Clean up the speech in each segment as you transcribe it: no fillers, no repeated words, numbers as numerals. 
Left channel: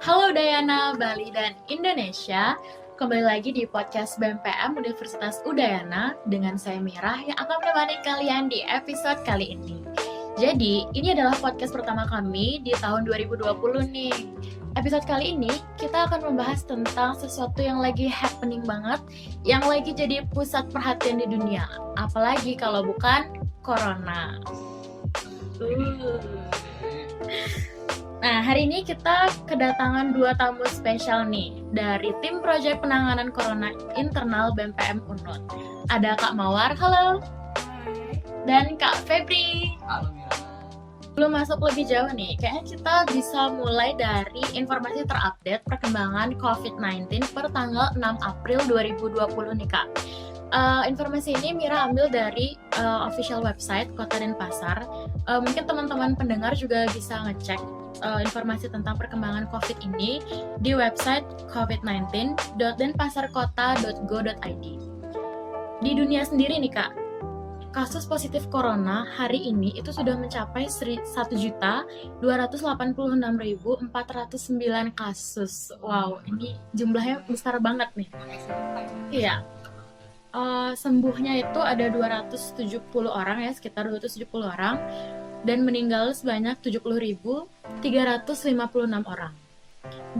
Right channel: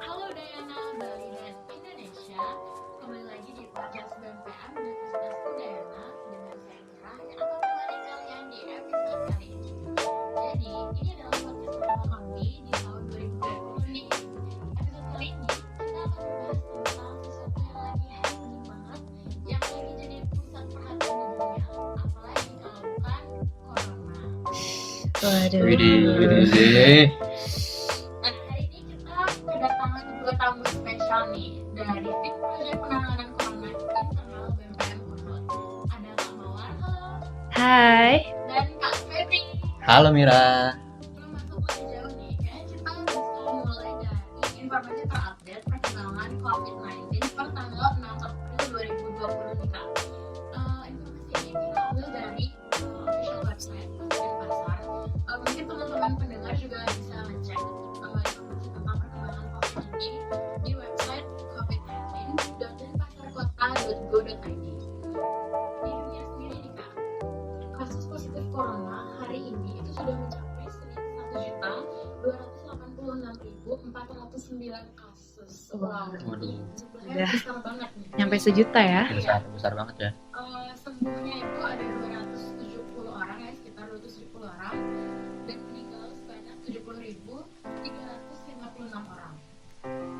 Halo Udayana, Bali, dan Indonesia. Kembali lagi di podcast BMPM Universitas Udayana dengan saya Mira yang akan menemani kalian di episode kali ini. Jadi, ini adalah podcast pertama kami di tahun 2020 nih. Episode kali ini kita akan membahas tentang sesuatu yang lagi happening banget, yang lagi jadi pusat perhatian di dunia. Apalagi kalau bukan Corona. Waduh. Widih. Nah, hari ini kita kedatangan dua tamu spesial nih dari tim proyek penanganan corona internal BMPM Unut. Ada Kak Mawar, halo. Hai. Dan Kak Febri. Halo Mira. Belum masuk lebih jauh nih, kayaknya kita bisa mulai dari informasi terupdate perkembangan COVID-19 per tanggal 6 April 2020 nih Kak. Informasi ini Mira ambil dari official website Kota Denpasar. Mungkin teman-teman pendengar juga bisa ngecek informasi tentang perkembangan COVID ini di website covid19.denpasarkota.go.id. Di dunia sendiri nih Kak, kasus positif corona hari ini itu sudah mencapai 1.286.409 kasus. Wow, ini jumlahnya besar banget nih. Nyampe sejuta ya? Iya. Besar banget ya. Sembuhnya itu ada 270 orang ya, sekitar 270 orang. Dan meninggal sebanyak 70.356 orang.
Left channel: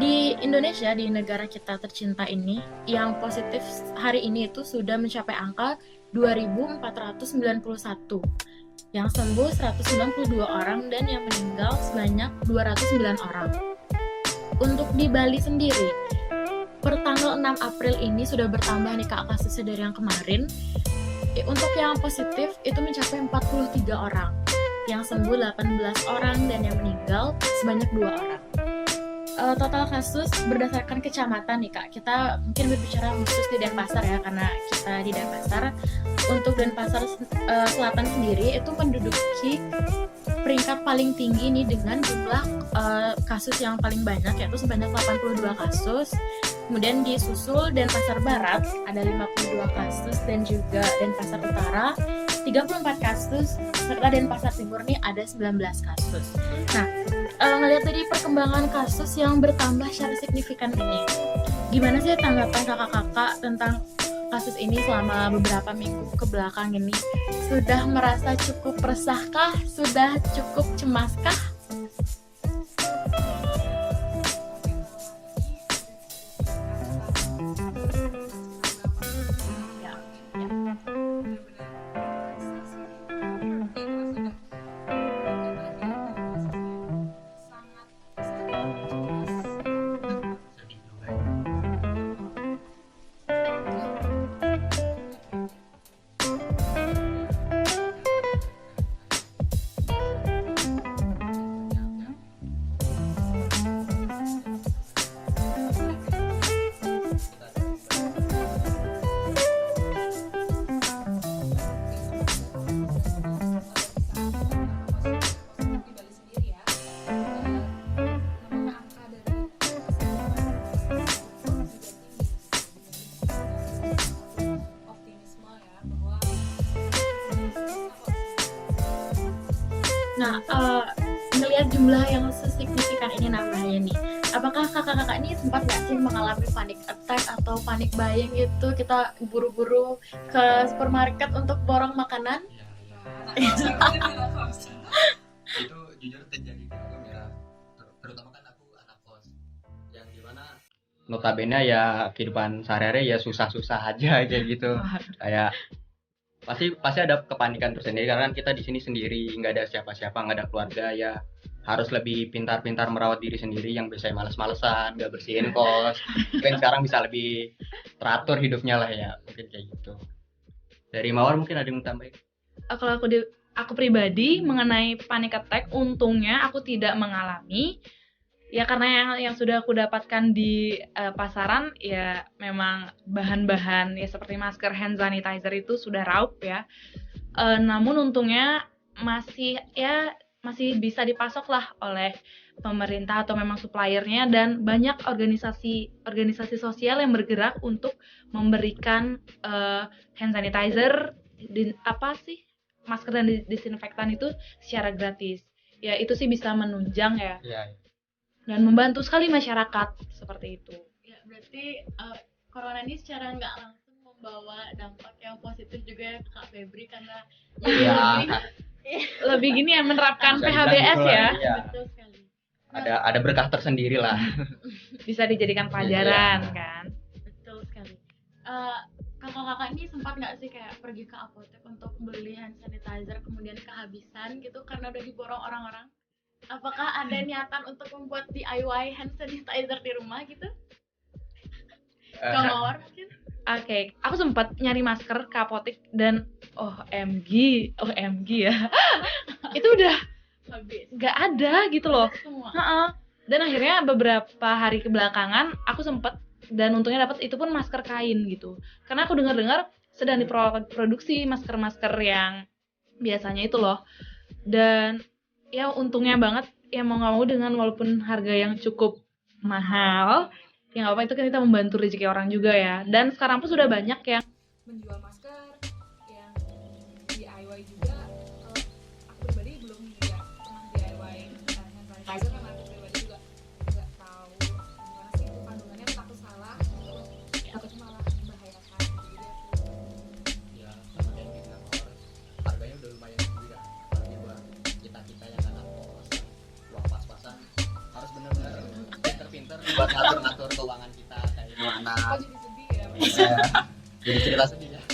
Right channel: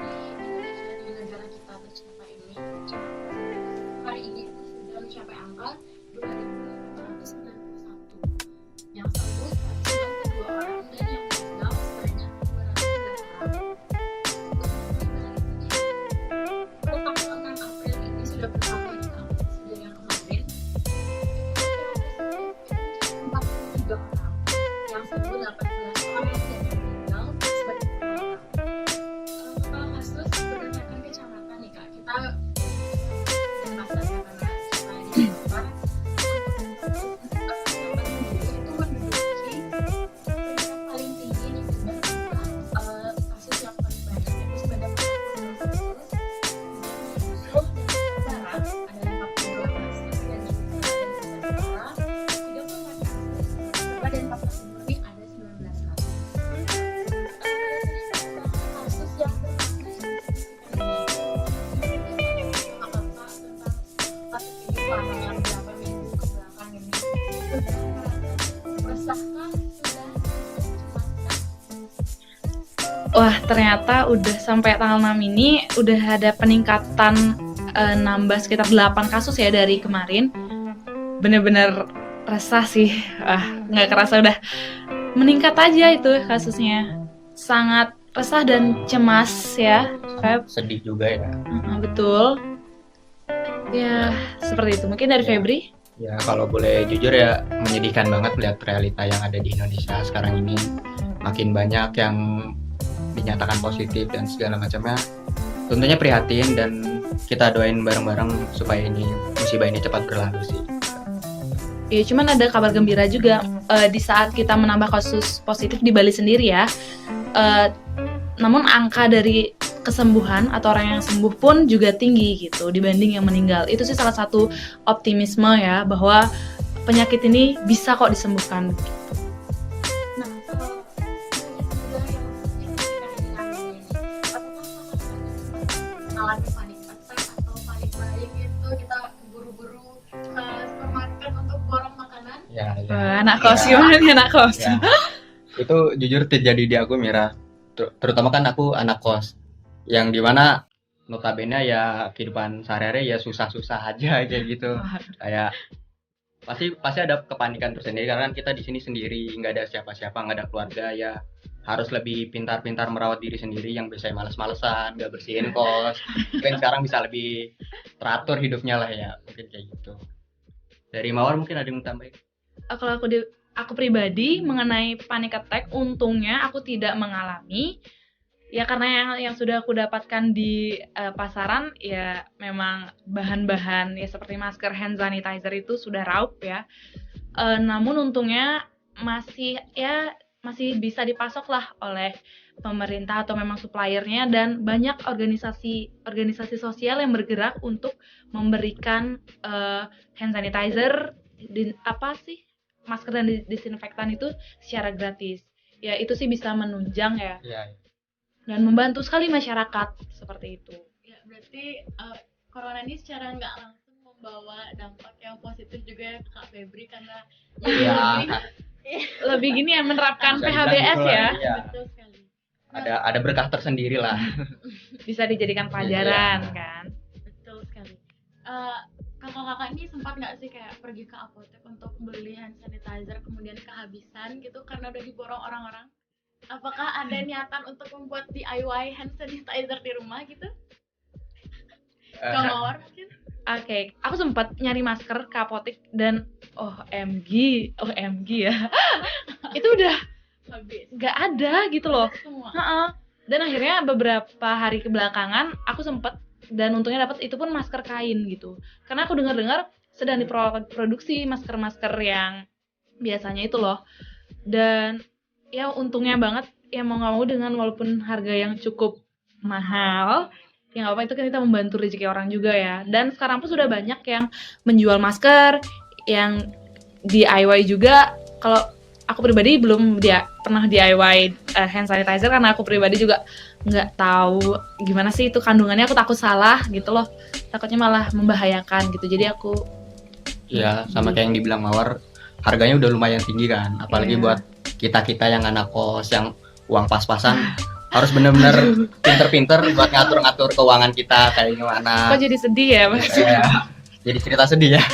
Di Indonesia, di negara kita tercinta ini, yang positif hari ini itu sudah mencapai angka 2.491. Yang sembuh 192 orang dan yang meninggal sebanyak 209 orang. Untuk di Bali sendiri, per tanggal 6 April ini sudah bertambah nih Kak kasusnya dari yang kemarin. Untuk yang positif itu mencapai 43 orang. Yang sembuh 18 orang dan yang meninggal sebanyak 2 orang. Total kasus berdasarkan kecamatan nih Kak, kita mungkin berbicara khusus di Denpasar ya, karena kita di Denpasar. Untuk Denpasar Selatan sendiri itu menduduki peringkat paling tinggi nih dengan jumlah kasus yang paling banyak, yaitu sebanyak 82 kasus. Kemudian disusul Denpasar Barat ada 52 kasus dan juga Denpasar Utara 34 kasus, serta Denpasar Timur nih ada 19 kasus. Nah, ngelihat dari perkembangan kasus yang bertambah secara signifikan ini, gimana sih tanggapan kakak-kakak tentang kasus ini selama beberapa minggu ke belakang ini? Sudah merasa cukup resahkah? Sudah cukup cemaskah? Wah, ternyata udah sampai tanggal 6 ini udah ada peningkatan nambah sekitar 8 kasus ya dari kemarin. Bener-bener resah sih. Nggak kerasa udah meningkat aja itu kasusnya. Sangat resah dan cemas ya, Feb. Sedih juga ya. Betul. Ya, seperti itu. Mungkin dari Febri? Ya kalau boleh jujur ya, menyedihkan banget melihat realita yang ada di Indonesia sekarang ini. Makin banyak yang dinyatakan positif dan segala macamnya. Tentunya prihatin dan kita doain bareng-bareng supaya musibah ini cepat berlalu sih. Ya, cuman ada kabar gembira juga di saat kita menambah kasus positif di Bali sendiri ya. Namun angka dari kesembuhan atau orang yang sembuh pun juga tinggi gitu dibanding yang meninggal. Itu sih salah satu optimisme ya, bahwa penyakit ini bisa kok disembuhkan. Nah, melihat jumlah yang sesignifikan ini namanya nih, apakah kakak-kakak ini sempat sih mengalami panic attack atau panic buying gitu? Kita buru-buru ke supermarket untuk borong makanan? Ya. Anak kos gimana nih anak kos? Ya. Itu jujur terjadi di aku Mira. Terutama kan aku anak kos, yang dimana notabene ya kehidupan sehari-hari ya susah-susah aja kayak gitu. Kayak pasti ada kepanikan tersendiri karena kan kita di sini sendiri, nggak ada siapa-siapa, nggak ada keluarga, ya harus lebih pintar-pintar merawat diri sendiri. Yang biasanya males-malesan nggak bersihin kos, mungkin sekarang bisa lebih teratur hidupnya lah ya, mungkin kayak gitu. Dari Mawar mungkin ada yang tambahin? Kalau aku pribadi mengenai panic attack, untungnya aku tidak mengalami. Ya karena yang sudah aku dapatkan di pasaran ya memang bahan-bahan ya seperti masker, hand sanitizer itu sudah raup ya. Namun untungnya masih bisa dipasok lah oleh pemerintah atau memang suppliernya, dan banyak organisasi sosial yang bergerak untuk memberikan hand sanitizer, masker dan disinfektan itu secara gratis. Ya itu sih bisa menunjang ya. Iya. dan membantu sekali masyarakat seperti itu. Ya, berarti corona ini secara nggak langsung membawa dampak yang positif juga ya ke Kak Febri, karena Ya, Lebih gini ya menerapkan bisa dibilang PHBS gitu lah, ya, iya. betul sekali. Ada berkah tersendiri lah. bisa dijadikan pelajaran kan. Betul sekali. Kakak-kakak ini sempat nggak sih kayak pergi ke apotek untuk beli hand sanitizer kemudian kehabisan gitu karena udah diborong orang-orang? Apakah ada niatan untuk membuat DIY hand sanitizer di rumah gitu? Eh, Kak Mawar mungkin? Oke, aku sempat nyari masker ke apotek dan OMG ya. Itu udah Habis. nggak ada gitu loh. Semua. Heeh. Dan akhirnya beberapa hari kebelakangan aku sempet, dan untungnya dapat itu pun masker kain gitu. Karena aku dengar-dengar sedang diproduksi masker-masker yang biasanya itu loh. Dan ya untungnya banget ya mau nggak mau dengan walaupun harga yang cukup mahal, ya nggak apa, itu kan kita membantu rezeki orang juga ya. Dan sekarang pun sudah banyak yang menjual masker yang DIY juga. Kalau aku pribadi belum pernah DIY hand sanitizer karena aku pribadi juga nggak tahu gimana sih itu kandungannya, aku takut salah gitu loh, takutnya malah membahayakan gitu, jadi aku ya sama kayak yang dibilang Mawar, harganya udah lumayan tinggi kan, apalagi Iya. buat kita yang anak kos yang uang pas-pasan harus bener-bener pinter-pinter buat ngatur-ngatur keuangan kita kayak gimana. kok jadi sedih ya Mas? Ya, jadi cerita sedih ya.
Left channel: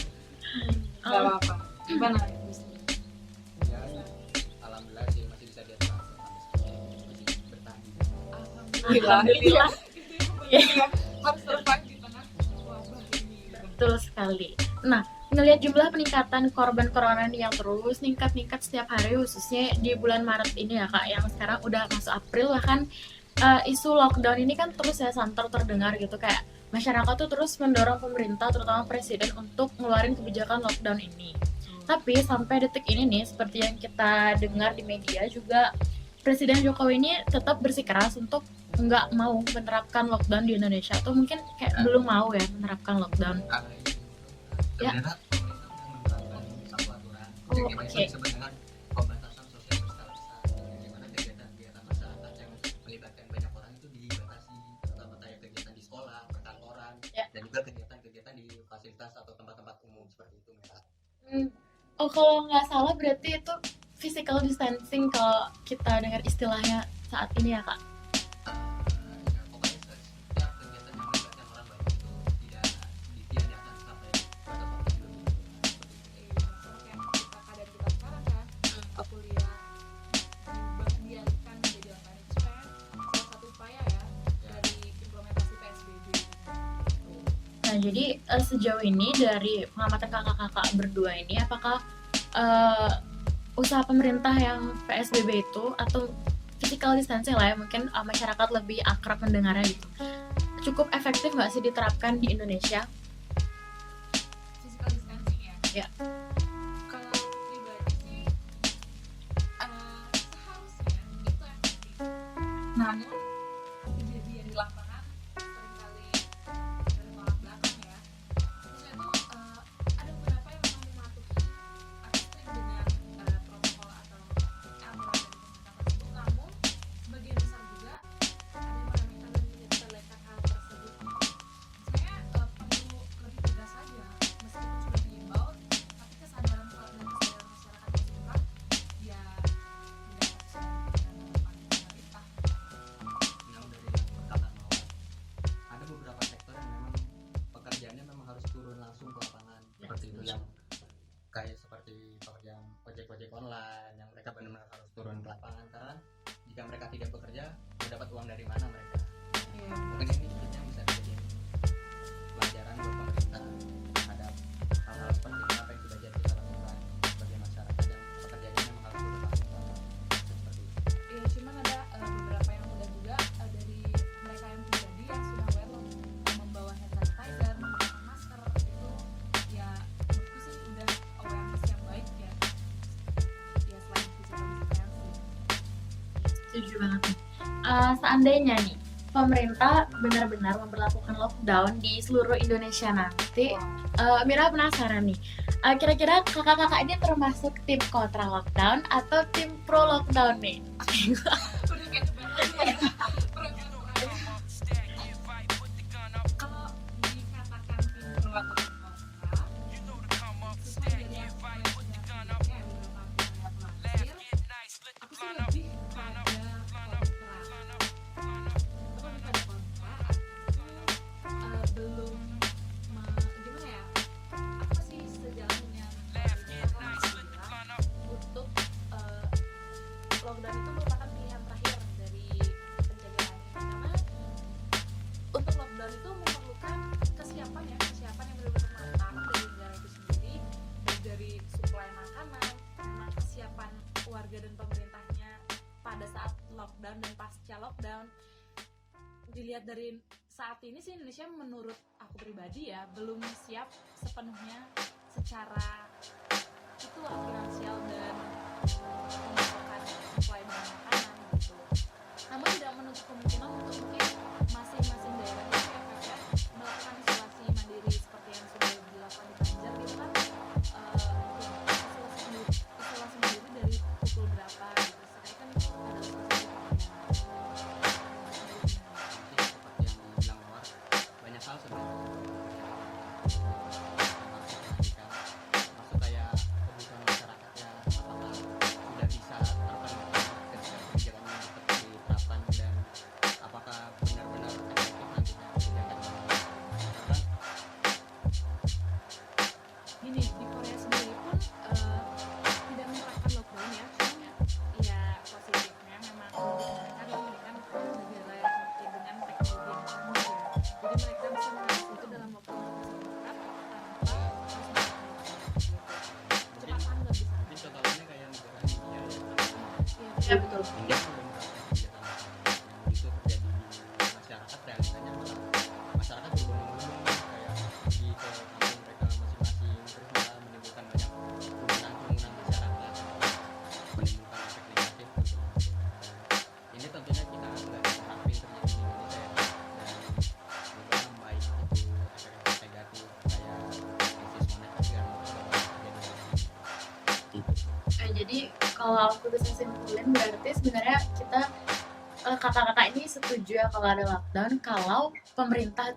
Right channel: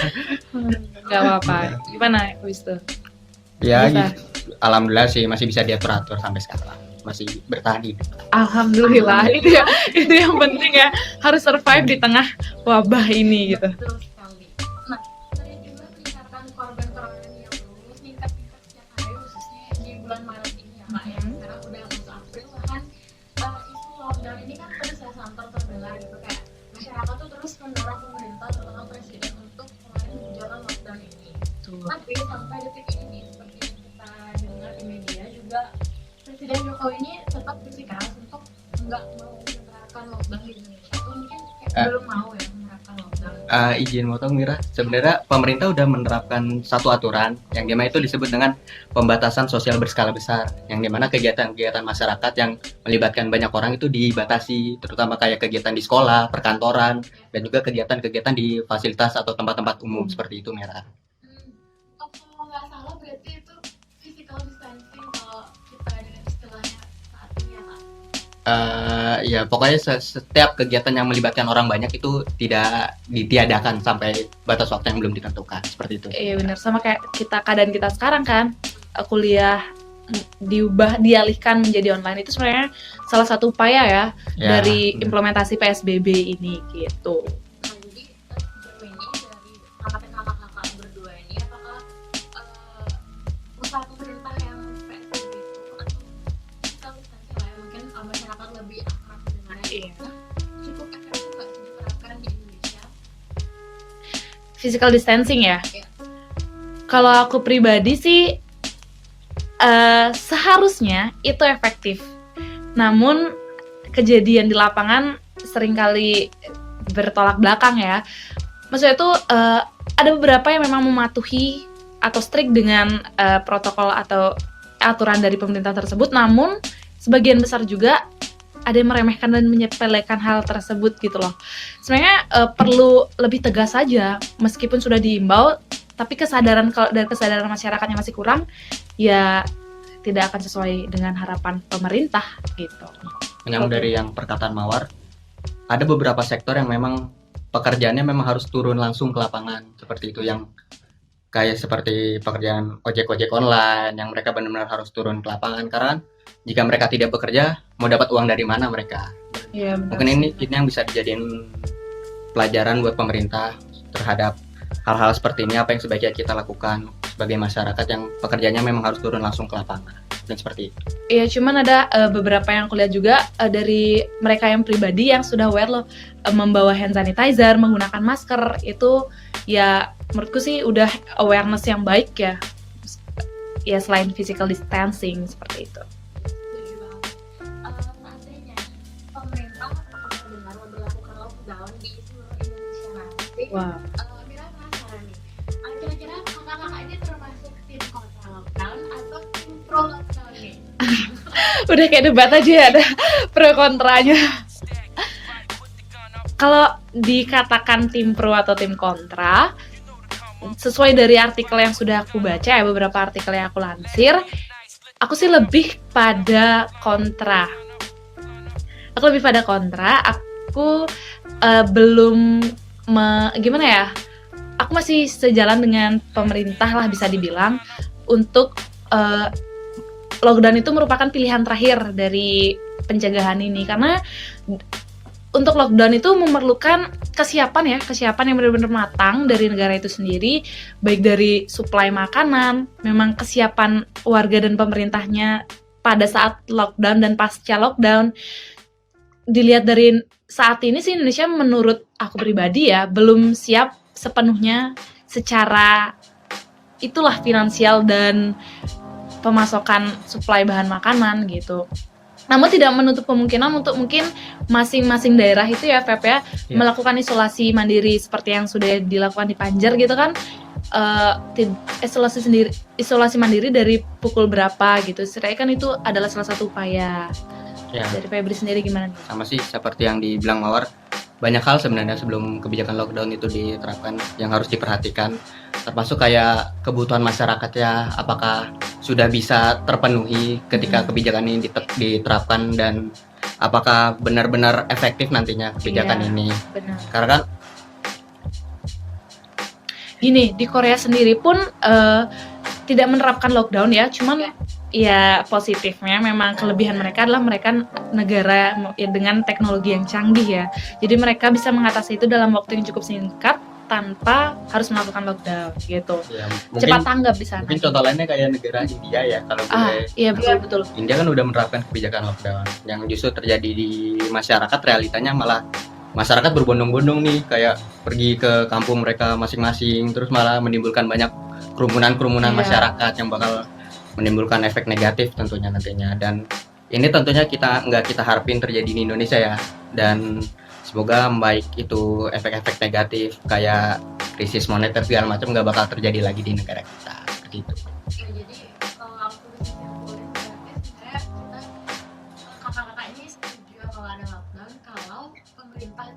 Nggak apa-apa, gimana Wis tuh? Ya Bisa. gitu. Alhamdulillah sih masih bisa diatur-atur sampai sekarang, masih bertahan hidup. Alhamdulillah, itu yang penting ya, harus survive di tengah wabah ini gitu. Betul sekali. Nah, melihat jumlah peningkatan korban corona yang terus meningkat setiap hari, khususnya di bulan Maret ini ya Kak, yang sekarang udah masuk April, bahkan isu lockdown ini kan terus ya santer terdengar gitu, kayak masyarakat tuh terus mendorong pemerintah terutama presiden untuk ngeluarin kebijakan lockdown ini. Tapi sampai detik ini nih, seperti yang kita dengar di media juga, Presiden Jokowi ini tetap bersikeras untuk nggak mau menerapkan lockdown di Indonesia. Tuh mungkin kayak belum mau ya menerapkan lockdown. Izin motong Mira, sebenarnya pemerintah udah menerapkan satu aturan yang dimana itu disebut dengan pembatasan sosial berskala besar, yang dimana kegiatan-kegiatan masyarakat yang melibatkan banyak orang itu dibatasi, terutama kayak kegiatan di sekolah, perkantoran, dan juga kegiatan-kegiatan di fasilitas atau tempat-tempat umum seperti itu Mira. Oh, kalau nggak salah berarti itu physical distancing kalau kita dengar istilahnya saat ini ya Kak? Ya pokoknya setiap kegiatan yang melibatkan orang banyak itu tidak ditiadakan sampai batas waktu yang belum ditentukan, seperti itu. Iya benar, sama kayak keadaan kita sekarang kan, kuliah dialihkan menjadi online, itu sebenarnya salah satu upaya ya dari implementasi PSBB ini gitu. Nah, jadi sejauh ini dari pengamatan kakak-kakak berdua ini, apakah usaha pemerintah yang PSBB itu atau physical distancing lah ya, mungkin masyarakat lebih akrab mendengarnya gitu, cukup efektif nggak sih diterapkan di Indonesia? Physical distancing ya? Iya. Kalau aku pribadi sih seharusnya itu efektif. Namun kejadian di lapangan seringkali bertolak belakang ya. Maksudnya itu ada beberapa yang memang mematuhi atau strict dengan protokol atau aturan dari pemerintah tersebut, namun sebagian besar juga ada yang meremehkan dan menyepelekan hal tersebut gitu loh. Sebenarnya perlu lebih tegas saja, meskipun sudah diimbau, tapi kesadaran masyarakatnya masih kurang, ya tidak akan sesuai dengan harapan pemerintah gitu. Menyambung dari yang perkataan Mawar, ada beberapa sektor yang memang pekerjaannya memang harus turun langsung ke lapangan, seperti itu, yang kayak seperti pekerjaan ojek online yang mereka benar-benar harus turun ke lapangan, karena jika mereka tidak bekerja mau dapat uang dari mana mereka. Ya, Mungkin ini yang bisa dijadiin pelajaran buat pemerintah terhadap hal-hal seperti ini, apa yang sebaiknya kita lakukan sebagai masyarakat yang pekerjaannya memang harus turun langsung ke lapangan, dan seperti itu. Iya, cuman ada beberapa yang aku lihat juga dari mereka yang pribadi yang sudah aware loh, membawa hand sanitizer, menggunakan masker, itu ya menurutku sih udah awareness yang baik ya. Ya selain physical distancing seperti itu. Setuju banget. Seandainya nih pemerintah benar-benar memberlakukan lockdown di seluruh Indonesia nanti, Mira penasaran nih, kira-kira kakak-kakak ini termasuk tim kontra lockdown atau tim pro lockdown nih? Udah kayak debat aja ya, ada pro kontranya. Kalau dikatakan tim pro atau tim kontra, sesuai dari artikel yang sudah aku baca ya, beberapa artikel yang aku lansir, aku sih lebih pada kontra. Aku belum gimana ya? Aku masih sejalan dengan pemerintah lah bisa dibilang untuk lockdown itu merupakan pilihan terakhir dari pencegahan ini, karena untuk lockdown itu memerlukan kesiapan yang benar-benar matang dari negara itu sendiri, baik dari suplai makanan, memang kesiapan warga dan pemerintahnya pada saat lockdown dan pasca lockdown. Dilihat dari saat ini sih Indonesia menurut aku pribadi ya belum siap sepenuhnya secara itulah finansial dan pemasokan suplai bahan makanan gitu. Namun tidak menutup kemungkinan untuk mungkin masing-masing daerah itu ya Feb ya, melakukan isolasi mandiri seperti yang sudah dilakukan di Banjar gitu kan. Isolasi mandiri dari pukul berapa gitu. Saya kan itu adalah salah satu upaya. Ya. Dari Febri sendiri gimana? Sama sih seperti yang dibilang Mawar, banyak hal sebenarnya sebelum kebijakan lockdown itu diterapkan yang harus diperhatikan, termasuk kayak kebutuhan masyarakat ya, apakah sudah bisa terpenuhi ketika kebijakan ini diterapkan dan apakah benar-benar efektif nantinya kebijakan ini. Benar. Karena kan gini, di Korea sendiri pun tidak menerapkan lockdown ya, cuman ya positifnya memang kelebihan mereka adalah mereka negara ya, dengan teknologi yang canggih ya, jadi mereka bisa mengatasi itu dalam waktu yang cukup singkat tanpa harus melakukan lockdown gitu. ya, Cepat tanggap di sana. mungkin contoh lainnya kayak negara India ya, kalau Iya betul. India kan udah menerapkan kebijakan lockdown yang justru terjadi di masyarakat, realitanya malah masyarakat berbondong-bondong nih, kayak pergi ke kampung mereka masing-masing, terus malah menimbulkan banyak kerumunan masyarakat yang bakal menimbulkan efek negatif tentunya nantinya. Dan ini tentunya nggak kita harapin terjadi di Indonesia ya, dan semoga baik itu efek-efek negatif kayak krisis moneter segala macam nggak bakal terjadi lagi di negara kita gitu. Jadi kalau aku bisa simpulin berarti sebenarnya kita kakak-kakak ini setuju ya kalau ada lockdown kalau pemerintah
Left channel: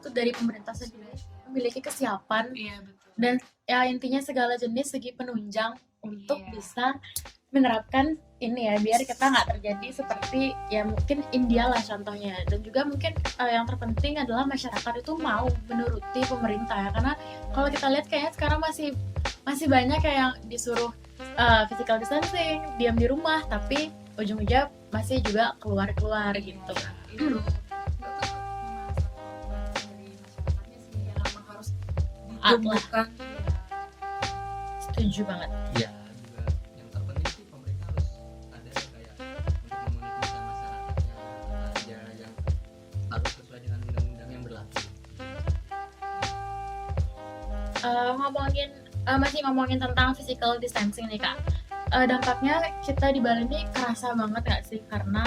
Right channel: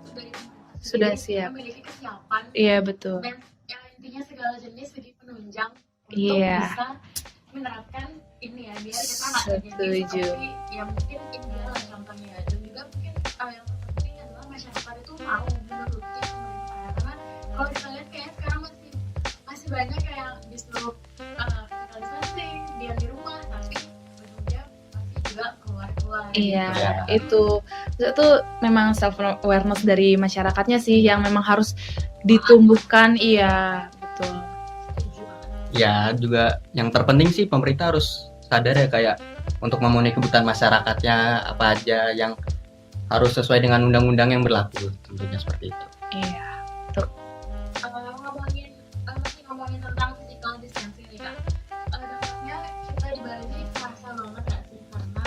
Sudah sendiri siap. memiliki kesiapan Iya betul. dan ya intinya segala jenis segi penunjang untuk Iya. bisa menerapkan ini ya, biar kita nggak terjadi Setuju. seperti ya mungkin India lah contohnya. Dan juga mungkin yang terpenting adalah masyarakat itu mau menuruti pemerintah ya, karena kalau kita lihat kayaknya sekarang masih banyak kayak yang disuruh physical distancing, diam di rumah, tapi ujung-ujungnya masih juga keluar Iya, gitu. itu memang self awareness dari masyarakatnya sih yang memang harus ditumbuhkan. Iya, betul. Setuju banget. Ya juga yang terpenting sih pemerintah harus sadar ya, kayak untuk memenuhi kebutuhan masyarakatnya apa aja yang harus sesuai dengan undang-undang yang berlaku, tentunya seperti itu. Iya. Masih ngomongin tentang physical distancing nih Kak. Dampaknya kita di Bali ini kerasa banget gak sih, karena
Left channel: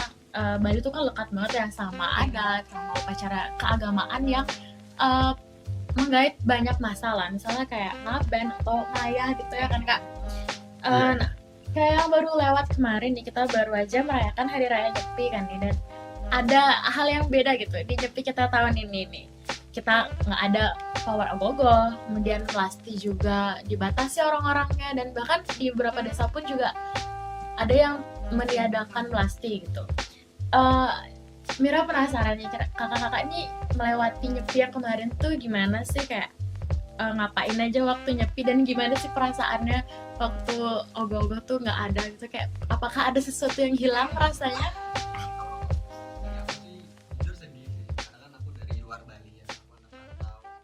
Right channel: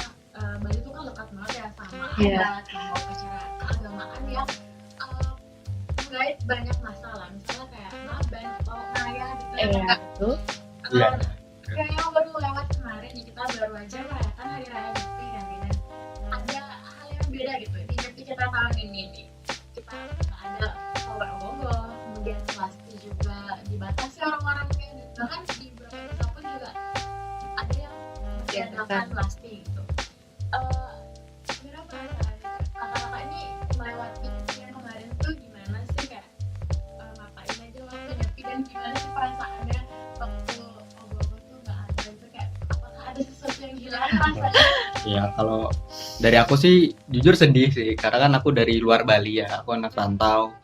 Bali tuh kan lekat banget ya sama ada kayak upacara keagamaan yang menggait banyak masalah, misalnya kayak ngaben atau ngayah gitu ya kan Kak. Nah, kayak yang baru lewat kemarin nih, kita baru aja merayakan Hari Raya Nyepi kan nih, dan ada hal yang beda gitu di Nyepi kita tahun ini nih. Kita nggak ada pawai ogoh-ogoh, kemudian plastik juga dibatasi orang-orangnya, dan bahkan di beberapa desa pun juga ada yang meniadakan plastik gitu. Mira penasaran nih, kakak-kakak ini melewati Nyepi yang kemarin tuh gimana sih, kayak ngapain aja waktu Nyepi, dan gimana sih perasaannya waktu ogoh-ogoh tuh nggak ada gitu, kayak apakah ada sesuatu yang hilang rasanya? Ya kalau dari aku sih jujur sedih sih, karena kan aku dari luar Bali ya, aku anak rantau.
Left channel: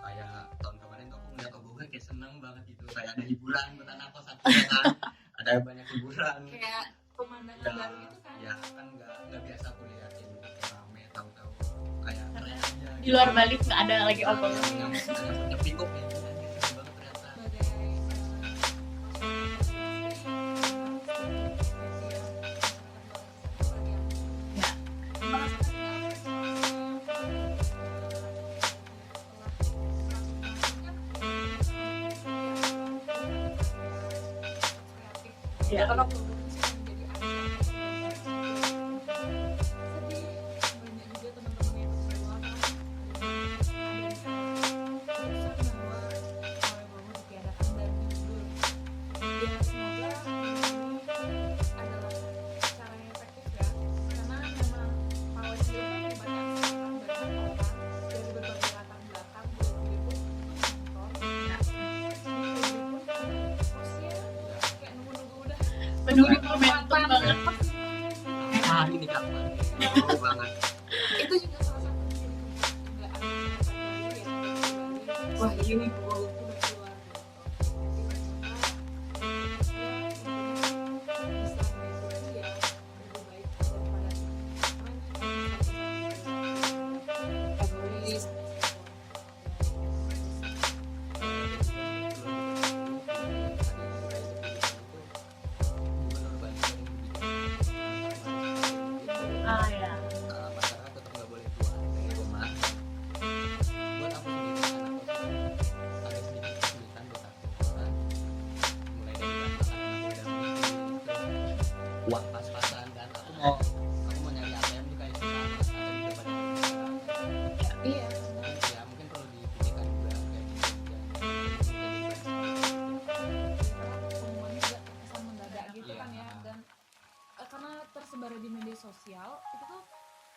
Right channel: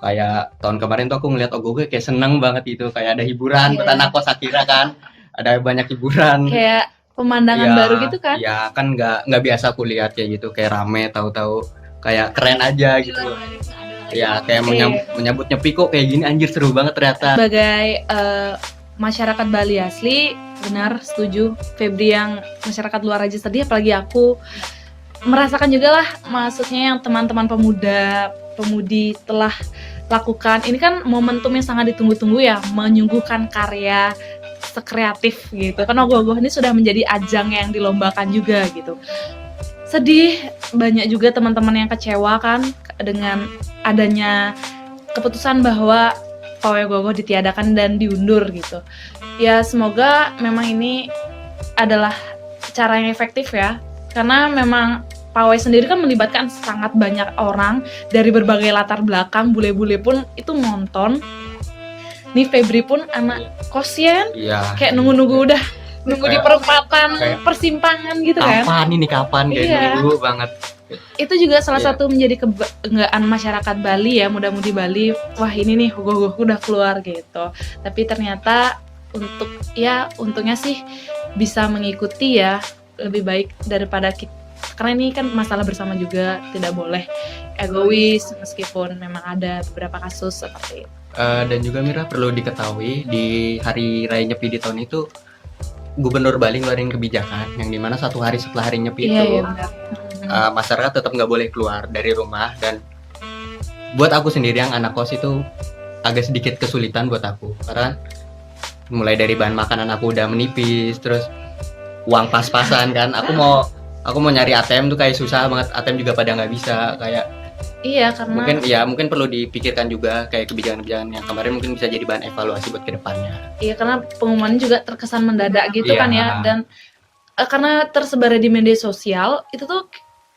Kayak tahun kemarin tuh aku ngeliat ogoh-ogoh kayak seneng banget gitu, kayak ada hiburan, buat anak kos akhirnya kan ada banyak hiburan. Kayak pemandangan baru gitu kan? Ya kan nggak biasa aku lihat kayak gitu, kayak rame, tahu-tahu kayak keren aja Di gitu. luar Bali nggak ada lagi. Ya kayak menyambut Nyepi kok kayak gini, anjir seru banget ternyata. Sebagai masyarakat Bali asli, benar setuju Febri yang masyarakat luar aja sedih, apalagi aku merasakan juga lah, maksudnya yang teman-teman pemudi telah lakukan. Ini kan momentum yang sangat ditunggu-tunggu ya, menyuguhkan karya sekreatif gitu. Kan Ogoh-Ogoh ini sudah menjadi ajang yang dilombakan juga gitu. Sedih, banyak juga teman-teman yang kecewa kan dengan adanya keputusan bahwa pawai Ogoh-Ogoh ditiadakan dan diundur gitu. Ya semoga memang ini adalah cara yang efektif ya, karena memang pawai sendiri kan melibatkan sangat banyak orang dari berbagai latar belakang, bule-bule pun itu nonton. Nih Febri pun anak kosnya Iya. kayak nunggu di perempatan Kayak, persimpangan gitu kan. Kapan kayak Iya. nunggu banget. Itu juga salah Iya. satu menjadi kebanggaan masyarakat Bali ya, muda-mudi Bali. Wah ini nih Ogoh-Ogoh udah keluar gitu. Tapi ternyata untungnya sih bisa mengikuti ya, lebih baik daripada kita. Karena ini kan masalah bersama juga, tidak boleh egois meskipun memang ada beberapa kasus seperti itu. Dan juga Mira perlu diketahui di hari raya Nyepi di tahun itu Gubernur Bali ngeluarin kebijakan yang dimana 1 hari setelah hari Nyepi Iya, itu iya, benar. masyarakat tetap nggak boleh keluar dari rumah. Dan buat aku sendiri yang anak kos itu agak sedikit kesulitan buat aku, karena mulai dari bahan makanan aku udah menipis, terus uang pas-pasan kan, aku mau nyari ATM tuh kayak susah banget, ATM juga pada nggak bisa. Kayak Iya, karena mungkin perlu dipikirkan juga kayak kebijakan-kebijakan yang kemarin mungkin bisa jadi bahan evaluasi buat kedepannya. iya, karena pengumuman juga terkesan mendadak gitu Iya. kan ya, dan karena tersebar di media sosial itu tuh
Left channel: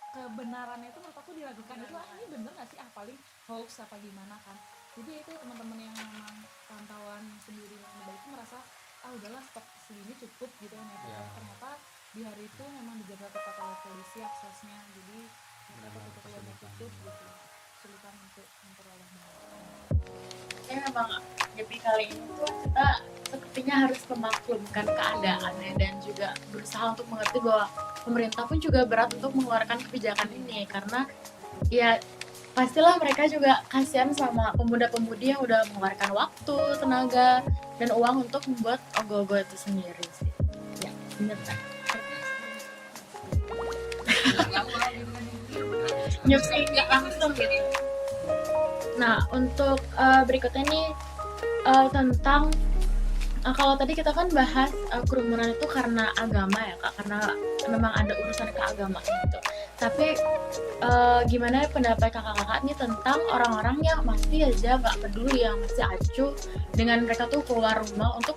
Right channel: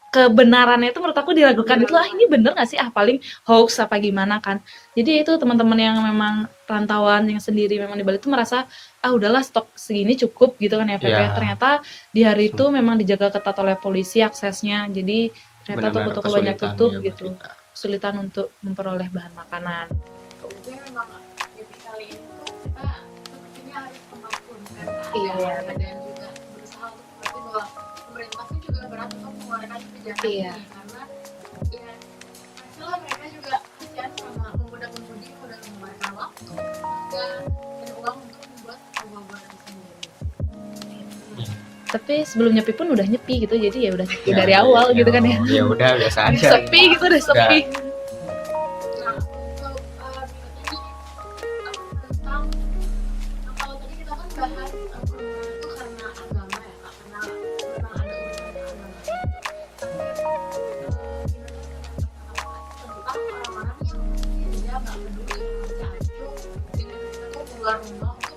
kebenarannya itu menurut aku diragukan. Itu ini bener nggak sih, paling hoax apa gimana kan. Jadi itu teman-teman yang memang rantauan yang sendiri memang di Bali itu merasa udahlah stok segini cukup gitu kan ya Pepe. Iya. Ternyata di hari itu memang dijaga ketat oleh polisi aksesnya, jadi ternyata Benar-benar toko-toko banyak kesulitan, tutup ya, buat gitu, kita. kesulitan untuk memperoleh bahan makanan. Jadi memang Nyepi kali ini tuh kita sepertinya harus memaklumkan keadaannya dan juga berusaha untuk mengerti bahwa pemerintah pun juga berat untuk mengeluarkan kebijakan ini, karena ya pastilah mereka juga kasihan sama pemuda-pemudi yang udah mengeluarkan waktu, tenaga, dan uang untuk membuat Ogoh-Ogoh itu sendiri sih. Ya, bener. Tapi sebelum Nyepi pun udah nyepi gitu, jadi ya udah nyepi dari awal gitu kan ya. Ya udah biasa aja. Sepi gitu, udah sepi. Nah, untuk berikutnya nih tentang kalau tadi kita kan bahas kerumunan itu karena agama ya Kak, karena memang ada urusan keagamaan gitu. Tapi gimana pendapat kakak-kakak nih tentang orang-orang yang masih aja nggak peduli, yang masih acuh dengan mereka tuh keluar rumah untuk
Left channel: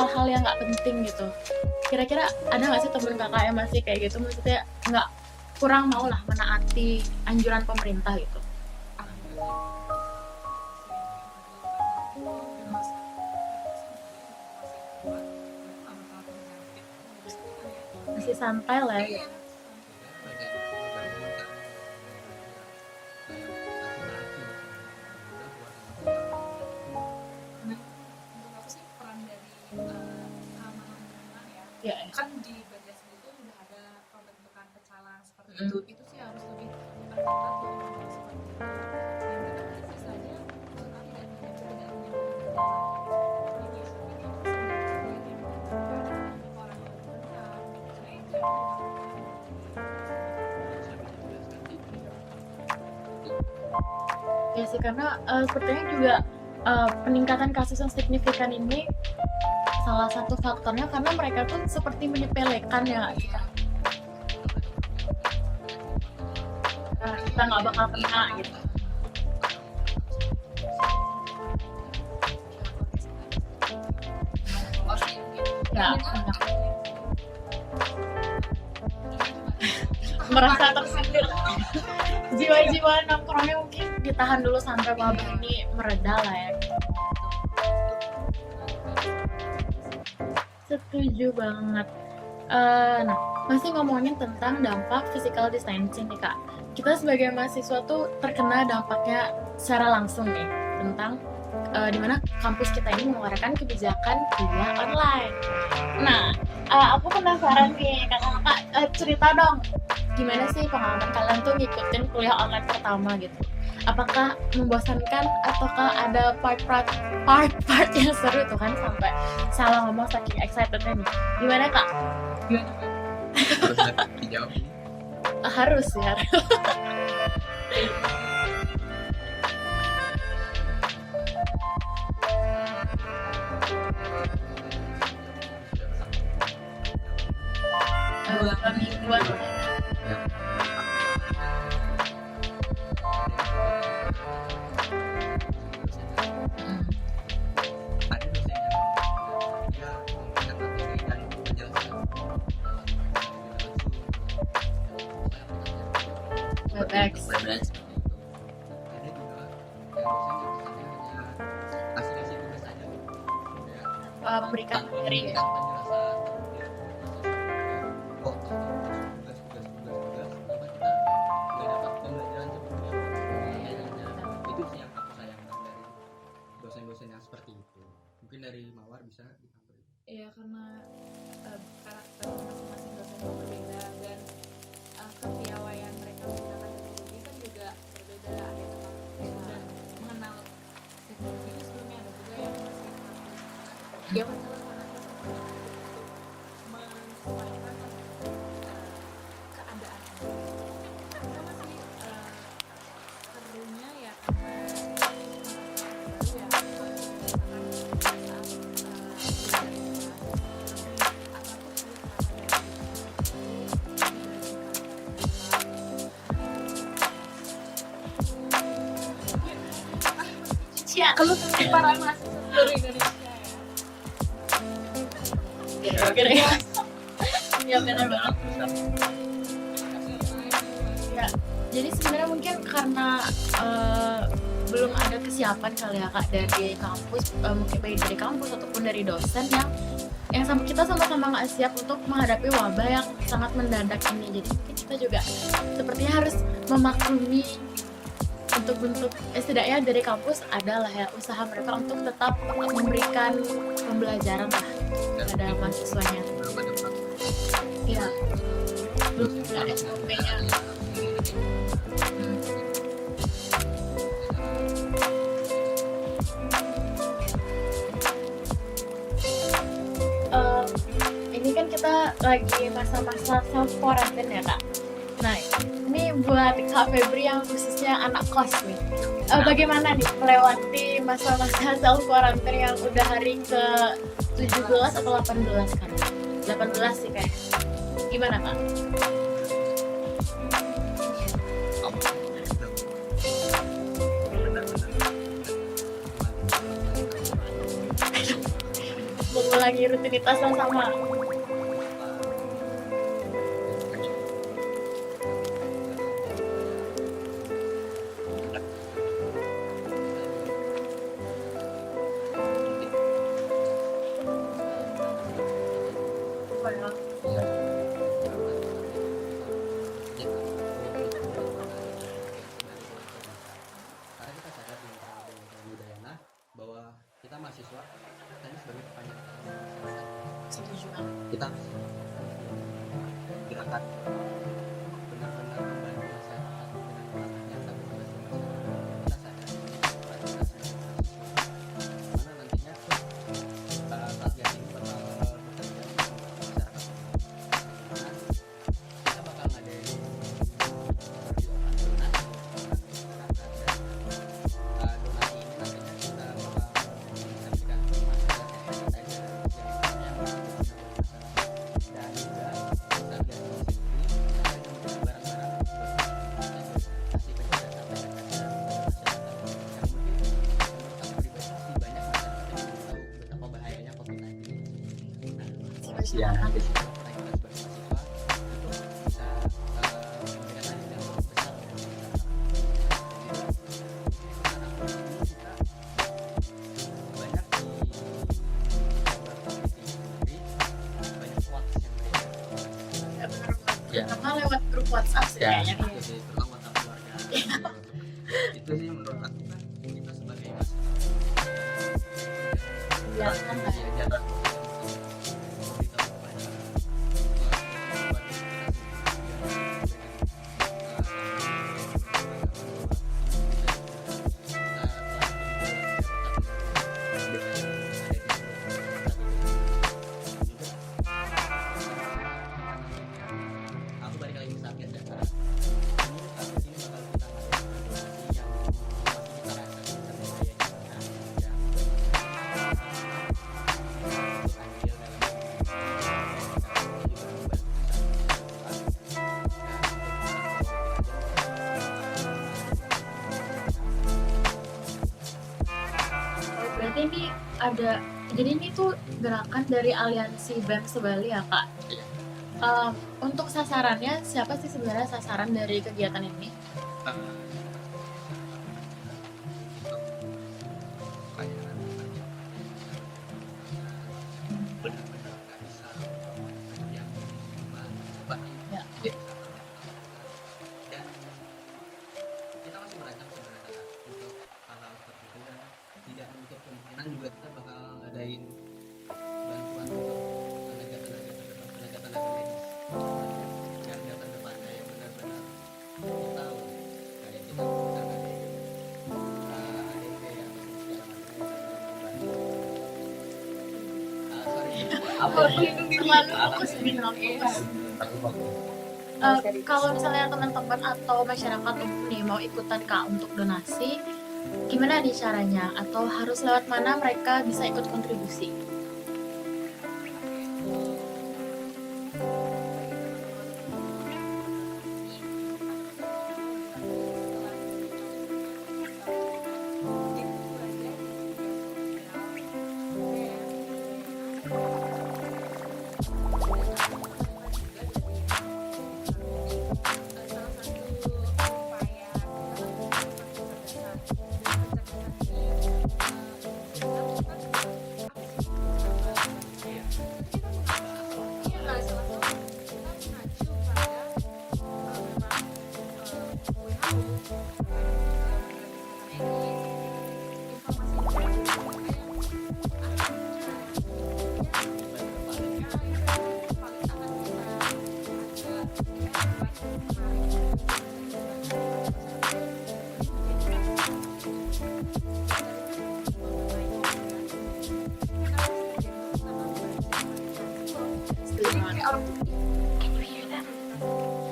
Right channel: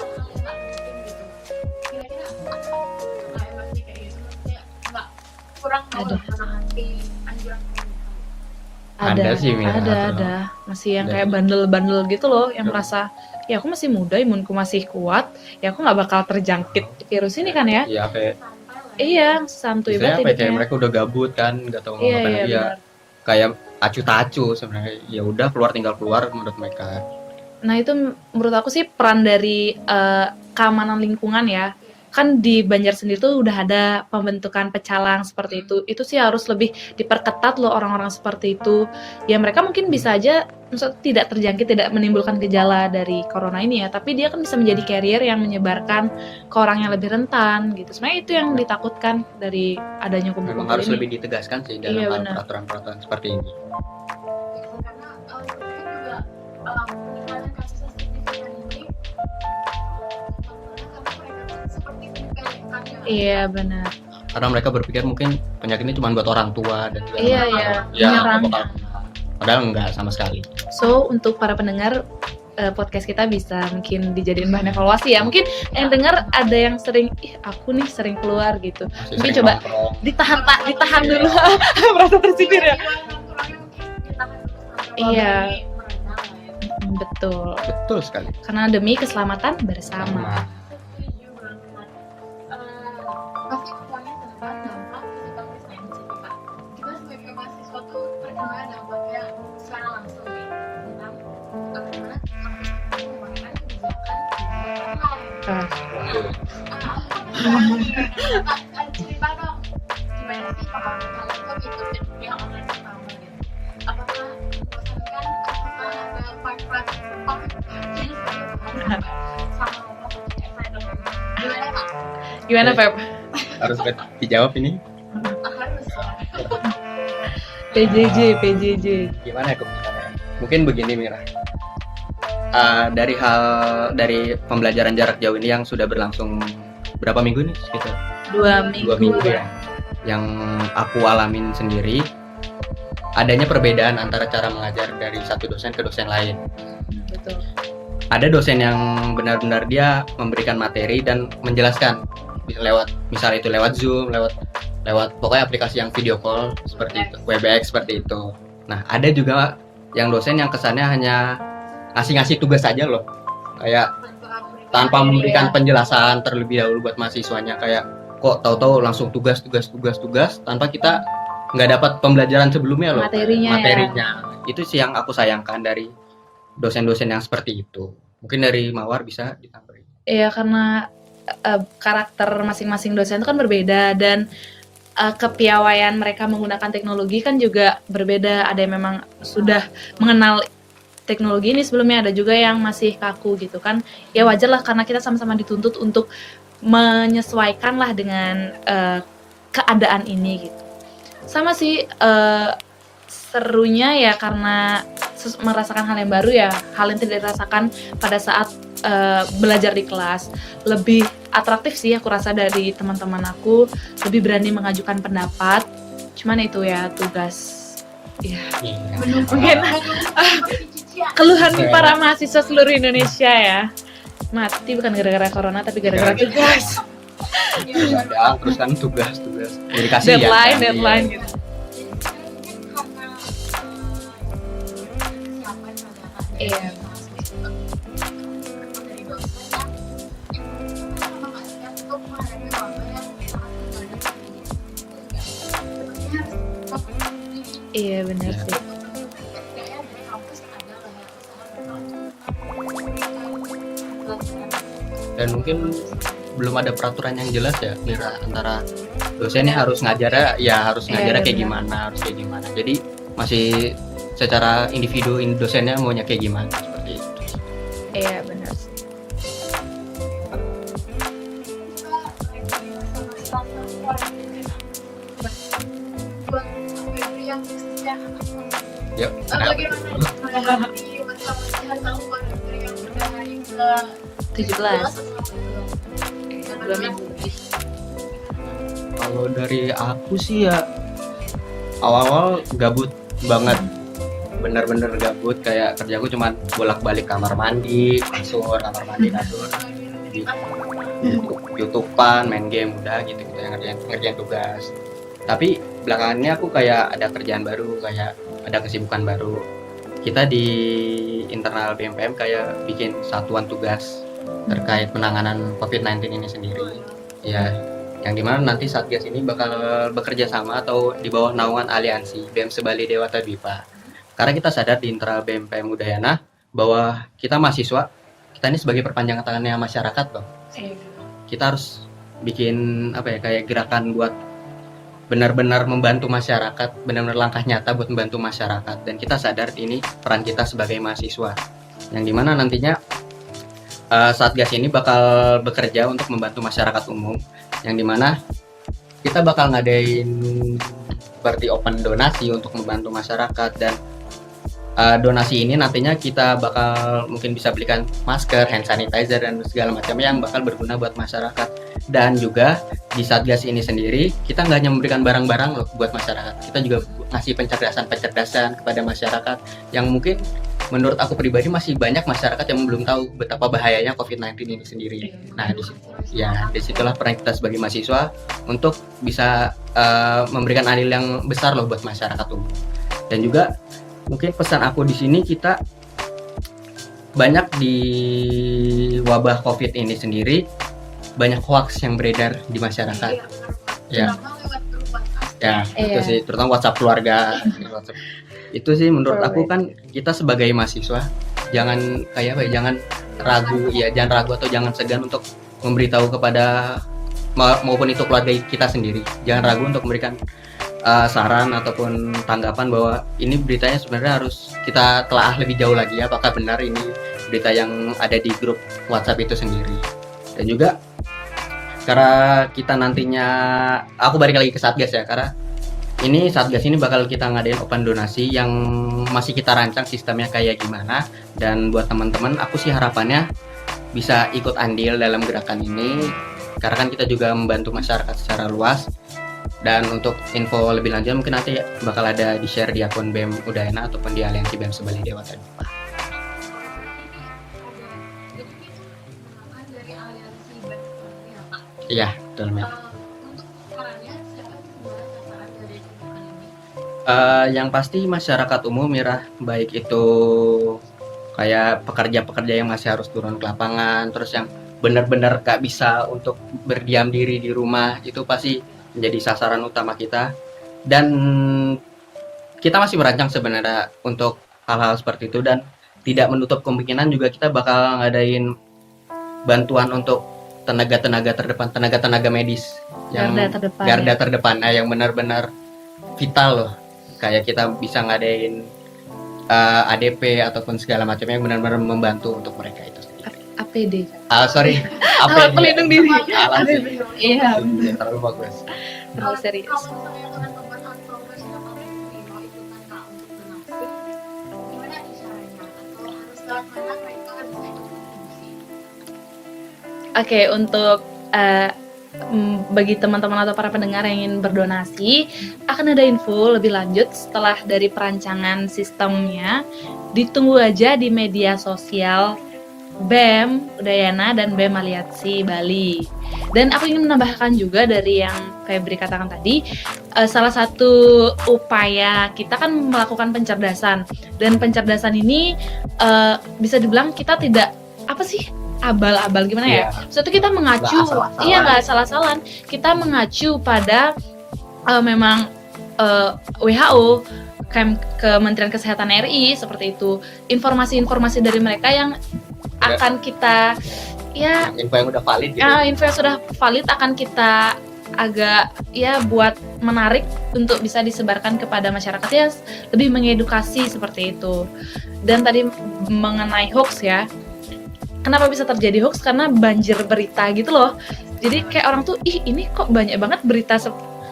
hal-hal yang nggak penting gitu. Kira-kira ada nggak sih temen kakak yang masih kayak gitu, maksudnya nggak kurang mau lah menaati anjuran pemerintah gitu? Ada sih, Mira. ada masih yang Ada. kayak bandel-bandel gitu loh, yang Ya. merasa ya aku masih muda, imunku masih kuat, ya aku nggak bakal terjangkit virus ini kan ya. Ya Masih kayak santai lah. Iya, santuy misalnya banget kayak hidupnya. mereka udah gabut kan, nggak tahu mau Iya, ngapain iya, lagi ya. benar. Kayak acu-tacu sebenarnya. Ya udah tinggal keluar menurut mereka. Nah itu menurut aku sih peran dari keamanan lingkungan ya. Iya. Kan di Banjar sendiri tuh udah ada pembentukan pecalang seperti itu. Itu sih harus lebih diperketat loh orang-orang seperti itu. Ya mereka mungkin bisa aja maksudnya tidak terjangkit, tidak menimbulkan gejala dari corona ini ya, tapi dia kan bisa menjadi carrier yang menyebarkan ke orang yang lebih rentan gitu. Sebenarnya itu yang ditakutkan dari adanya Memang kumpul-kumpul harus ini. lebih ditegaskan sih dalam Iya, hal benar. peraturan-peraturan seperti ini. Ya sih, karena sepertinya juga peningkatan kasus yang signifikan ini salah satu faktornya karena mereka pun seperti menyepelekan ya. Iya benar. Karena mereka berpikir mungkin penyakit ini cuma buat orang tua dan segala Iya, macam. iya. Ya, Menyerang. padahal enggak sama sekali. So untuk para pendengar podcast kita bisa mungkin dijadiin bahan evaluasi ya. Mungkin yang dengar ada yang sering, aku nih sering keluar gitu. Masih Mungkin sering coba nongkrong. ditahan dulu. Merasa tersingkir ya. Jiwa nongkrongnya mungkin ditahan dulu sampai Iya. ini mereda lah ya. Betul. Betul sekali. Karena demi keselamatan bersama. Nah, Setuju banget. Nah, masih ngomongin tentang dampak physical distancing nih Kak. Kita sebagai mahasiswa tuh terkena dampaknya secara langsung nih tentang dimana kampus kita ini mengeluarkan kebijakan kuliah online. Nah, aku penasaran nih, kakak cerita dong, gimana sih pengalaman kalian tuh ngikutin kuliah online pertama gitu? Apakah membosankan ataukah ada part-part yang seru tuh kan? Sampai salah ngomong saking excitednya nih. Gimana Kak? Gimana Pep? harus dijawab ini. harus ya. PJJ. Gimana ya keputusannya? Mungkin begini Mira. Dari pembelajaran jarak jauh ini yang sudah berlangsung berapa minggu nih? Sekitar 2 minggu ya. Yang aku alamin sendiri, adanya perbedaan antara cara mengajar dari satu dosen ke dosen lain. Betul. Ada dosen yang benar-benar dia memberikan materi dan menjelaskan misal itu lewat Zoom, lewat pokoknya aplikasi yang video call seperti itu, Webex seperti itu. Nah, ada juga yang dosen yang kesannya hanya ngasih tugas saja loh, kayak tanpa memberikan penjelasan terlebih dahulu buat mahasiswanya, kayak kok tahu-tahu langsung tugas tanpa kita nggak dapat pembelajaran sebelumnya loh, materinya. Itu sih yang aku sayangkan dari dosen-dosen yang seperti itu. Mungkin dari Mawar bisa ditambahin. Iya, karena karakter masing-masing dosen itu kan berbeda, dan kepiawaian mereka menggunakan teknologi kan juga berbeda. Ada yang memang sudah mengenal teknologi ini sebelumnya, ada juga yang masih kaku gitu kan. Ya wajar lah, karena kita sama-sama dituntut untuk menyesuaikan lah dengan keadaan ini gitu. Sama sih serunya ya karena merasakan hal yang baru ya, hal yang tidak dirasakan pada saat belajar di kelas. Lebih atraktif sih aku rasa dari teman-teman aku, lebih berani mengajukan pendapat. Cuman itu ya tugas. Ya, mungkin keluhan para mahasiswa seluruh Indonesia ya. Mati bukan gara-gara corona tapi gara-gara tugas. Terus kan tugas. Jadi kasih deadline gitu. Jadi sebenarnya mungkin karena belum ada kesiapan kali ya Kak dari kampus, mungkin baik dari kampus ataupun dari dosen yang sama kita sama-sama nggak siap untuk menghadapi wabah yang sangat mendadak ini. Jadi kita juga sepertinya harus memaklumi. Iya benar. Untuk setidaknya dari kampus adalah ya usaha mereka untuk tetap memberikan pembelajaran dan mungkin mahasiswanya. Belum ada peraturan yang jelas ya antara dosennya harus ngajarnya kayak gimana, jadi masih secara individu dosennya maunya kayak gimana seperti itu. Iya benar. Ini kan kita lagi masa-masa self quarantine ya Kak. Nah ini buat Kak Febri yang khususnya anak kos nih. Yuk, Bagaimana nih melewati masa-masa self quarantine yang udah hari ke 17 atau 18 kan? 18 sih kan. Gimana Kak? Kalau dari aku sih ya awal-awal gabut banget, bener-bener gabut, kayak kerjaku cuma bolak-balik kamar mandi, kasur, Lagi rutinitas sama YouTubean, main game, udah gitu, ngerjain tugas. Tapi belakangannya aku kayak ada kerjaan baru, kayak ada kesibukan baru. Kita di internal BMPM kayak bikin satuan tugas terkait penanganan COVID-19 ini sendiri. Ya, yang dimana nanti Satgas ini bakal bekerja sama atau di bawah naungan aliansi BEM Sebali Dewata Dwipa. Karena kita sadar di internal BMPM Udayana bahwa kita mahasiswa, kita ini sebagai perpanjangan tangannya masyarakat loh. Kita harus bikin kayak gerakan buat benar-benar membantu masyarakat, benar-benar langkah nyata buat membantu masyarakat. Dan kita sadar ini peran kita sebagai mahasiswa, yang dimana nantinya Satgas ini bakal bekerja untuk membantu masyarakat umum, yang dimana kita bakal ngadain seperti open donasi untuk membantu masyarakat. Dan donasi ini nantinya kita bakal mungkin bisa belikan masker, hand sanitizer, dan segala macam yang bakal berguna buat masyarakat. Dan juga di Satgas ini sendiri kita nggak hanya memberikan barang-barang loh buat masyarakat, kita juga ngasih pencerdasan kepada masyarakat yang mungkin menurut aku pribadi masih banyak masyarakat yang belum tahu betapa bahayanya COVID-19 ini sendiri. Nah, disitulah peran kita sebagai mahasiswa untuk bisa memberikan andil yang besar loh buat masyarakat umum. Dan juga mungkin pesan aku di sini, kita banyak di wabah COVID ini sendiri banyak hoax yang beredar di masyarakat. Terutama lewat grup WhatsApp itu sih, terutama WhatsApp keluarga. Itu sih menurut aku kan kita sebagai mahasiswa jangan jangan ragu atau jangan segan untuk memberitahu kepada maupun itu keluarga kita sendiri. Jangan ragu untuk memberikan saran ataupun tanggapan bahwa ini beritanya sebenarnya harus kita telaah lebih jauh lagi apakah benar ini berita yang ada di grup WhatsApp itu sendiri. Dan juga karena kita nantinya, aku balik lagi ke Satgas ya, karena ini Satgas ini bakal kita ngadain open donasi yang masih kita rancang sistemnya kayak gimana. Dan buat teman-teman, aku sih harapannya bisa ikut andil dalam gerakan ini, karena kan kita juga membantu masyarakat secara luas. Dan untuk info lebih lanjut mungkin nanti bakal ada di share di akun BEM Udayana ataupun di Aliansi BEM Sebali Dewata. Berarti ini ada, jadi ini tuh gerakan dari Aliansi BEM Sebali ya Kak? Iya, betul. Untuk sasarannya, siapa sih sebenarnya sasaran dari kegiatan ini? Yang pasti masyarakat umum, Mira, baik itu kayak pekerja-pekerja yang masih harus turun ke lapangan, terus yang benar-benar gak bisa untuk berdiam diri di rumah, itu pasti menjadi sasaran utama kita. Dan kita masih merancang sebenarnya untuk hal-hal seperti itu, dan tidak menutup kemungkinan juga kita bakal ngadain bantuan untuk tenaga-tenaga terdepan, tenaga-tenaga medis yang garda terdepan, yang benar-benar vital loh. Kayak kita bisa ngadain ADP ataupun segala macamnya yang benar-benar membantu untuk mereka itu. APD. Sorry, Alat pelindung diri. Iya, terlalu bagus. Serius. Kalau misalnya teman-teman atau masyarakat umum nih mau ikutan Kak untuk donasi, gimana nih caranya? Atau harus lewat mana mereka bisa ikut kontribusi? Oke, untuk bagi teman-teman atau para pendengar yang ingin berdonasi, akan ada info lebih lanjut setelah dari perancangan sistemnya. Ditunggu aja di media sosial BEM Udayana dan BEM Aliansi Bali. Dan aku ingin menambahkan juga dari yang Febri katakan tadi, salah satu upaya kita kan melakukan pencerdasan, dan pencerdasan ini bisa dibilang kita tidak abal-abal gimana ya? Suatu kita mengacu, nggak salah-salah. Kita mengacu pada memang WHO, Kementerian Kesehatan RI seperti itu. Informasi-informasi dari mereka yang akan kita info yang udah valid gitu. Info yang sudah valid akan kita agak buat menarik untuk bisa disebarkan kepada masyarakat, ya lebih mengedukasi seperti itu. Dan tadi mengenai hoax ya, kenapa bisa terjadi hoax? Karena banjir berita gitu loh. Jadi kayak orang tuh, ini kok banyak banget berita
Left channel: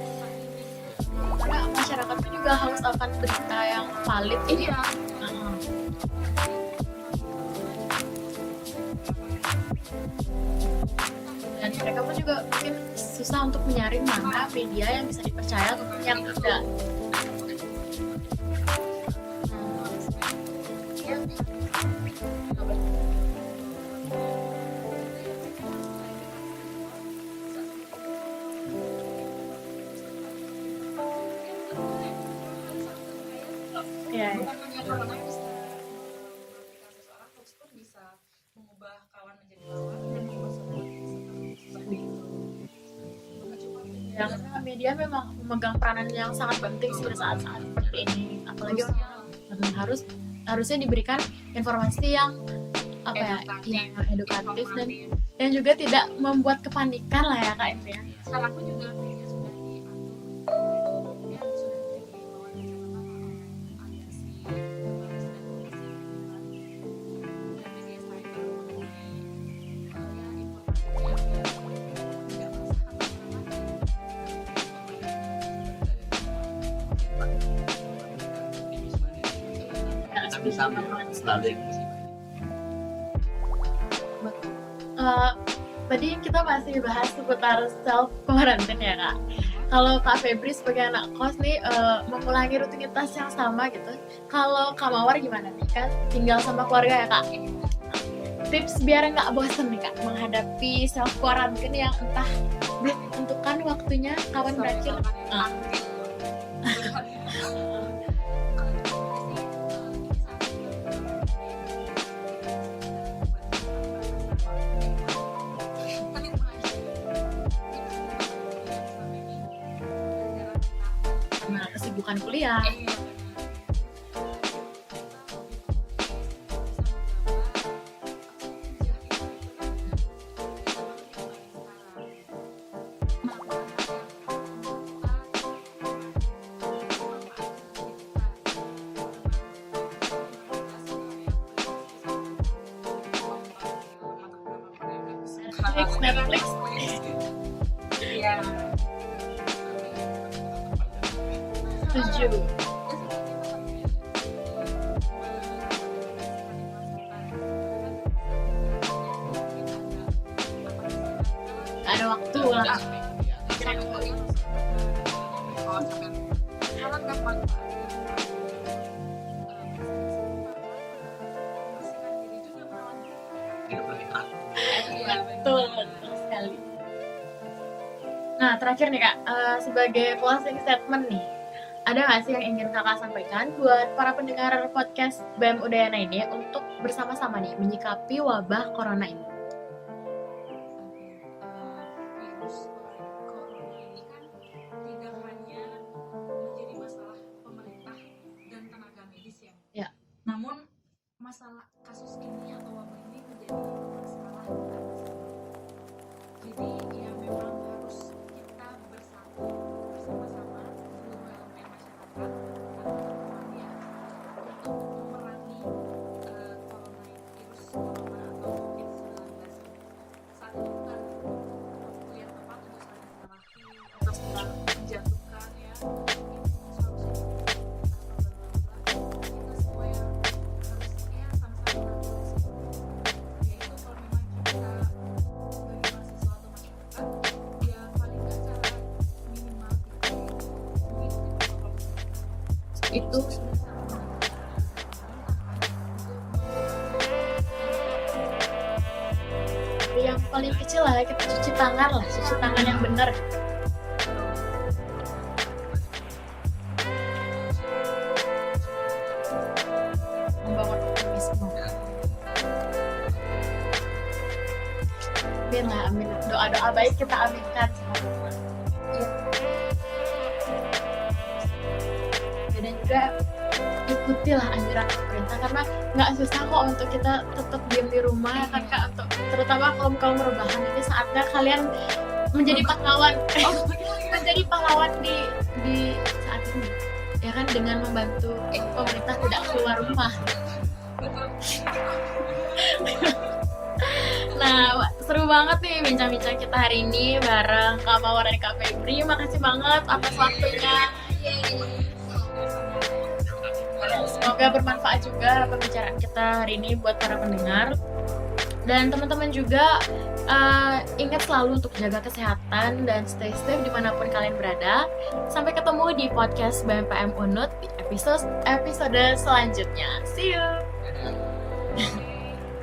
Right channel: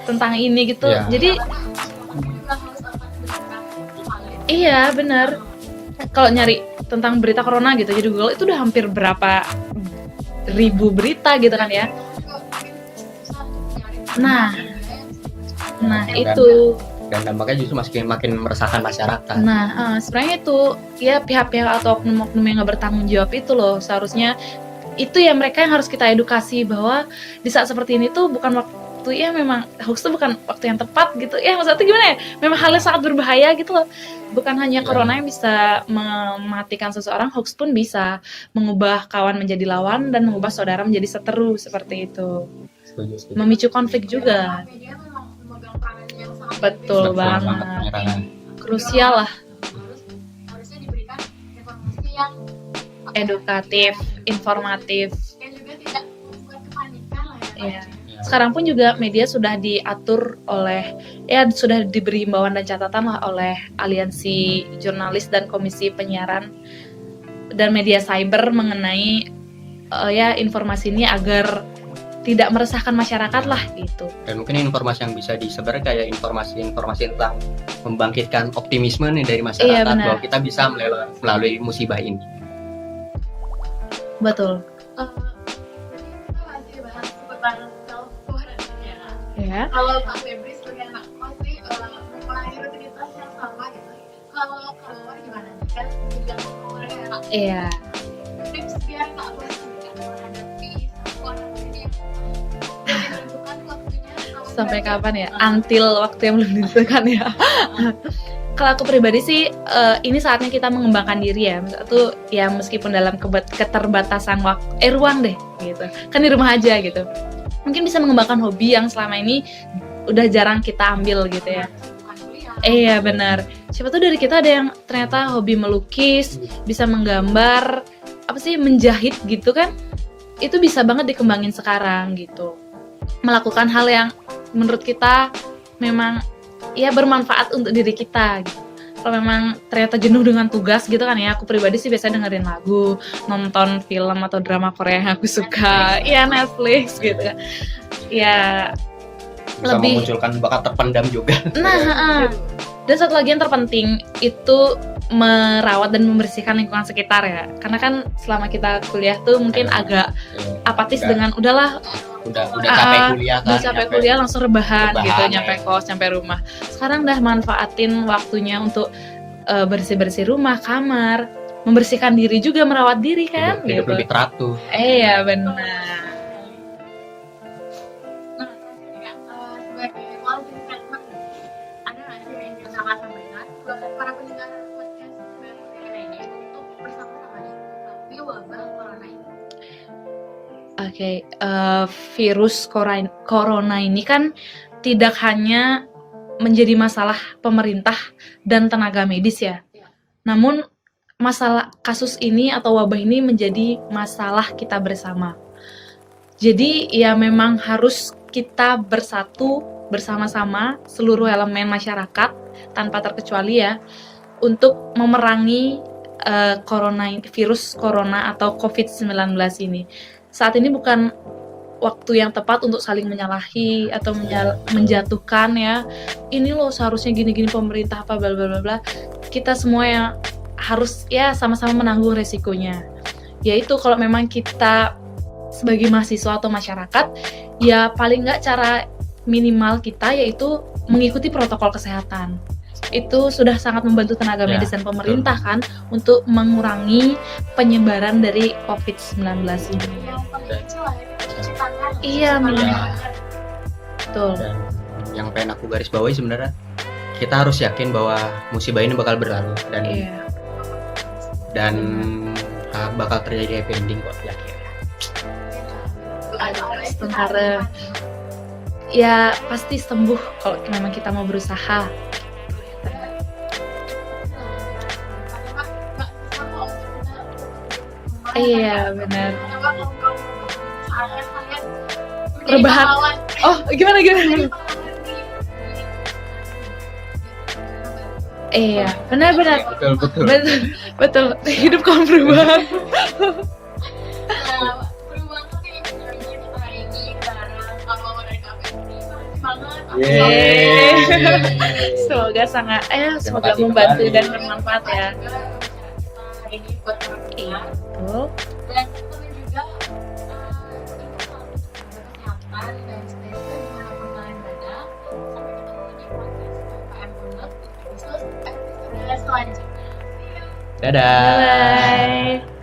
tentang ini gitu. Jadi masyarakat juga harus akan berita yang valid. Iya benar. Kalau nyari tentang berita corona gitu di Google itu udah hampir berapa ribu berita gitu kan ya. Mereka pun juga mungkin susah untuk menyaring media yang bisa dipercaya. Itu. Dan dampaknya justru makin meresahkan masyarakat. Sebenarnya itu pihak-pihak atau oknum-oknum yang nggak bertanggung jawab itu loh, seharusnya itu ya mereka yang harus kita edukasi bahwa di saat seperti ini tuh bukan waktu, memang hoax tuh bukan waktu yang tepat gitu ya, maksudnya tuh gimana ya, memang hal yang sangat berbahaya gitu loh. Bukan hanya corona yang bisa mematikan seseorang, hoax pun bisa mengubah kawan menjadi lawan dan mengubah saudara menjadi seteru seperti itu. Memicu konflik juga. Media memang memegang peranan yang sangat betul penting, banget, krusial lah. Harusnya diberikan informasi yang edukatif, informatif, dan juga tidak membuat kepanikan lah ya kayaknya. Sekarang pun juga media sudah diatur oleh, sudah diberi himbauan dan catatan lah oleh Aliansi Jurnalis dan Komisi Penyiaran dan Media Cyber mengenai informasi ini agar tidak meresahkan masyarakat lah gitu. Dan mungkin informasi yang bisa disebar kayak informasi tentang membangkitkan optimisme nih dari masyarakat, bahwa kita bisa melalui musibah ini. Betul. Tadi kita masih bahas seputar self quarantine ya Kak. Kalau Kak Febri sebagai anak kos nih mengulangi rutinitas yang sama gitu. Kalau Kak Mawar gimana nih, kan tinggal sama keluarga ya Kak? Iya. Tips biar nggak bosan nih Kak menghadapi self quarantine yang entah belum ditentukan waktunya sampai kapan ya? Until waktu yang belum ditentukan ya. Kalau aku pribadi sih ini saatnya kita mengembangkan diri ya. Satu ya meskipun dalam keterbatasan ruang deh gitu. Kan di rumah aja gitu. Mungkin bisa mengembangkan hobi yang selama ini udah jarang kita ambil gitu ya. Kesibukan kuliah. Iya benar. Siapa tuh dari kita ada yang ternyata hobi melukis, bisa menggambar, menjahit gitu kan. Itu bisa banget dikembangin sekarang gitu. Melakukan hal yang menurut kita memang bermanfaat untuk diri kita gitu. Kalau memang ternyata jenuh dengan tugas gitu kan ya, aku pribadi sih biasanya dengerin lagu, nonton film atau drama Korea yang aku suka, Netflix gitu. bisa Lebih- memunculkan bakat terpendam juga. Nah, dan satu lagi yang terpenting itu merawat dan membersihkan lingkungan sekitar ya. Karena kan selama kita kuliah tuh mungkin agak apatis Udah. dengan udahlah Nggak ada waktu udah buat- capek kuliah kan, udah capek kuliah langsung rebahan gitu, Rebahan, nyampe ya. kos, nyampe rumah. Sekarang udah manfaatin waktunya untuk bersih-bersih rumah, kamar, membersihkan diri juga, merawat diri kan hidup gitu. lebih teratur. Iya Betul, benar. betul sekali. Nah, terakhir nih Kak, sebagai closing statement nih, ada nggak sih yang ingin Kakak sampaikan buat para pendengar podcast BEM Udayana ini untuk bersama-sama nih menyikapi wabah corona ini? Oke, virus corona ini kan tidak hanya menjadi masalah pemerintah dan tenaga medis ya. Ya. Namun masalah kasus ini atau wabah ini menjadi masalah kita bersama. Jadi ya memang harus kita bersatu bersama-sama seluruh elemen masyarakat tanpa terkecuali ya untuk memerangi virus corona atau COVID-19 ini. Saat ini bukan waktu yang tepat untuk saling menyalahi atau menjatuhkan ya. Ini loh seharusnya gini-gini pemerintah apa bla bla bla bla. Kita semua yang harus ya sama-sama menanggung resikonya. Yaitu kalau memang kita sebagai mahasiswa atau masyarakat ya paling nggak cara minimal kita yaitu mengikuti protokol kesehatan. Itu sudah sangat membantu tenaga Ya, medis dan pemerintah kan untuk mengurangi penyebaran dari COVID-19 ini. Yang paling kecil lah kita cuci tangan lah. Iya, Cuci tangan yang benar. benar. Betul. Dan yang pengen aku garis bawahi sebenarnya kita harus yakin bahwa musibah ini bakal berlalu dan Iya. Membawa optimisme. dan bakal terjadi happy ending kok. Amin lah, amin. Doa-doa baik kita Semoga- aminkan. Ya pasti sembuh kalau memang kita mau berusaha. Dan juga ikutilah anjuran pemerintah karena nggak susah kok untuk kita tetap diam di rumah. Iya, Kan, Kak? benar. Terutama kaum rebahan ini saatnya kalian menjadi Rebahan. pahlawan. Oh, gimana Menjadi pahlawan di saat ini. Ya kan dengan membantu. Iya, pemerintah benar-benar. tidak keluar rumah. betul, betul. Hidup kaum perubahan. Nah, seru banget nih bincang-bincang kita hari ini bareng Kak Mawar dan Kak Febri. Makasih banget. Aku Yeay. sampai- Semoga sangat semoga kasih membantu kembali. dan Semoga bermanfaat bermanfaat ya. juga pembicaraan kita hari ini buat para pendengar. Betul. Dan teman-teman juga ingat selalu untuk jaga kesehatan dan stay safe dimanapun kalian berada. Sampai ketemu di podcast BMPM Unut di episode selanjutnya. See you. Dadah. Bye.